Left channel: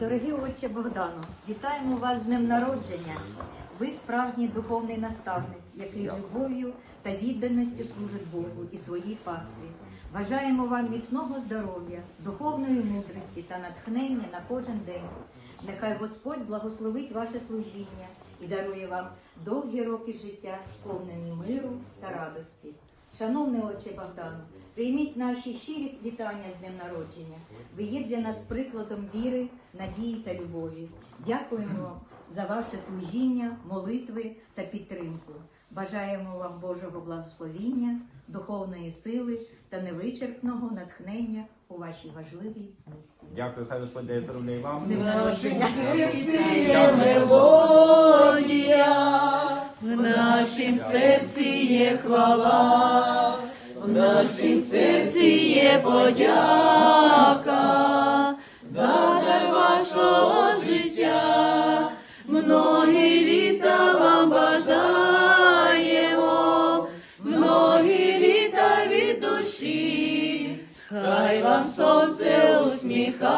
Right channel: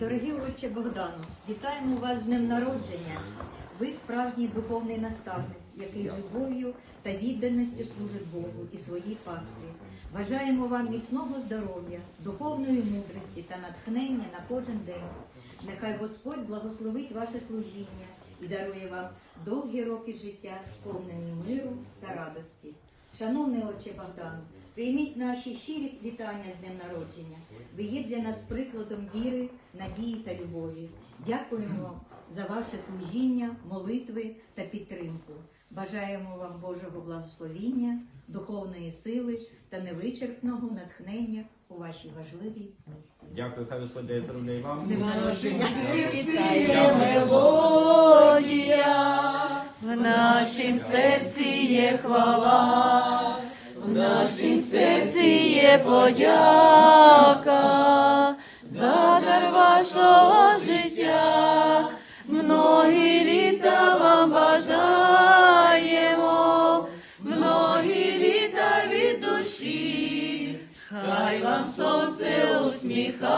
Дорогі отче Богдану, вітаємо вас з днем народження. Ви справжній духовний наставник, який з любов'ю та відданістю служить Богу і своїй пастві. Бажаємо вам міцного здоров'я, духовної мудрості та натхнення на кожен день. Нехай Господь благословить ваше служіння і дарує вам довгі роки життя, сповнені миру та радості. Шановний отче Богдану, прийміть наші щирі вітання з днем народження. Ви є для нас прикладом віри, надії та любові. Дякуємо за ваше служіння, молитви та підтримку. Бажаємо вам Божого благословіння, духовної сили та невичерпного натхнення у вашій важливій місії. Дякую, хай Господь дає здоров'я і вам. З в нашім серці є хвала, в нашім серці є подяка за вашого життя. Многі літа вам бажаємо, многі від душі. Хай вам сонце усміхається,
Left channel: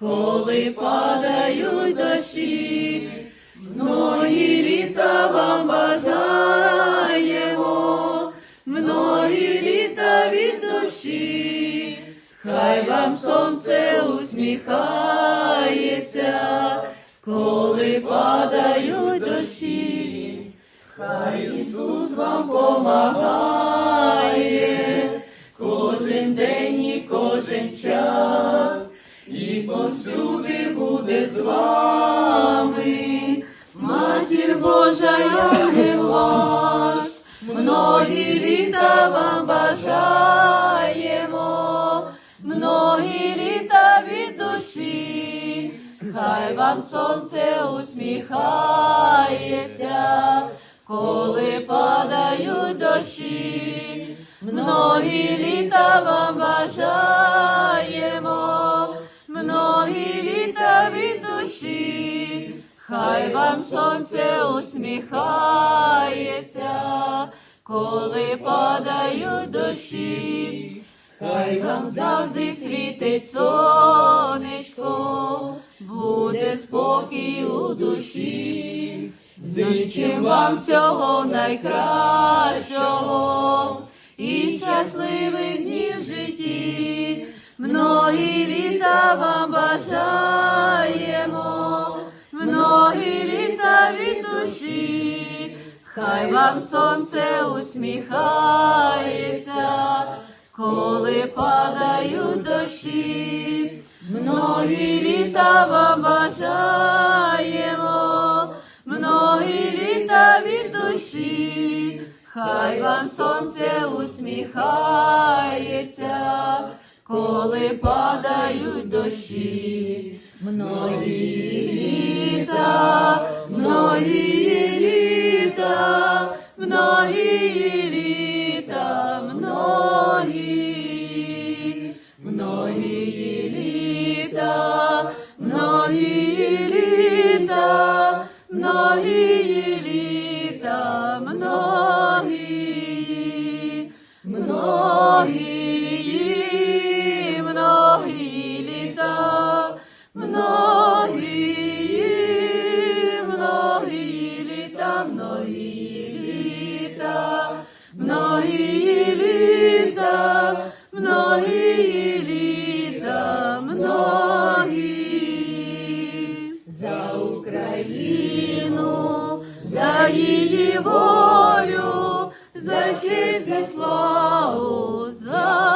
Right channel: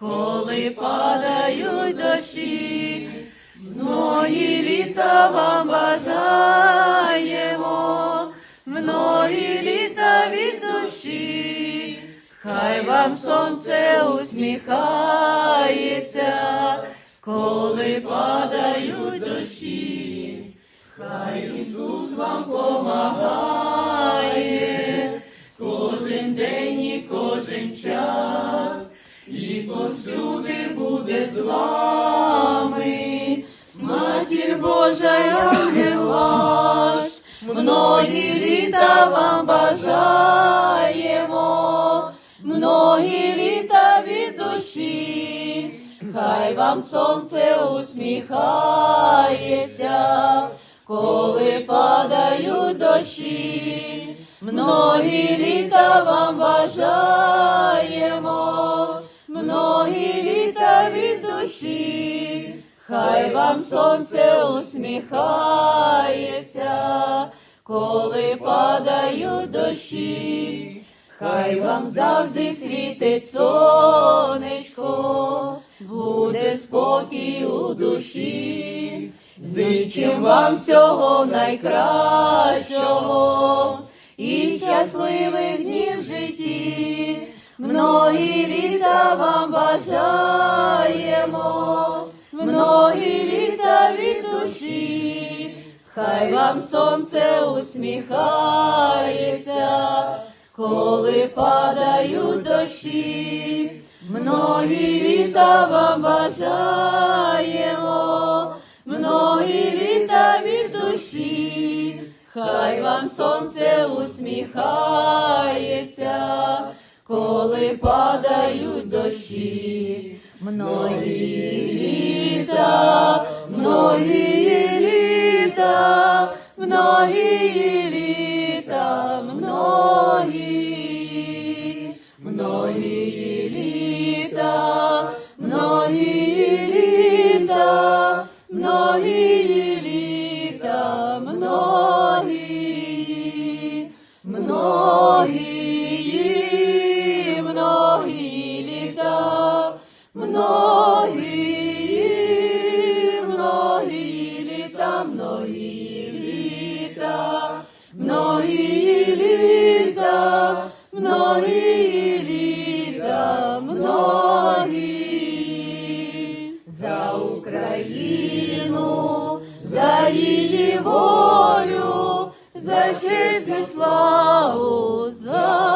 коли падають дощі, многі літа вам бажаємо, многі літа від душі, хай вам сонце усміхається, коли падають дощі. Хай Ісус вам помагає кожен день і кожен час, і повсюди буде з вами, матір Божа, я не ваш, многі літа вам бажаємо, многі літа від душі, хай вам сонце усміхається коли падають дощі, многі літа вам бажаємо, многі літа від душі, Хай вам сонце усміхається, коли падають дощі, хай вам завжди світить сонечко, буде спокій у душі. Зичим вам всього найкращого і щасливих днів в житті, многі літа вам бажаємо, хай вам сонце усміхається, коли падають дощі, многі літа вам бажаємо многі літа від душі, хай вам сонце усміхається, коли падають дощі, многі літа, многі літа, многі літа, многі, многі літа, многі літа. Многі літа, многі, многі, многі літа, многі, многі літа, многі за Україну, за її волю, за честь, славу, за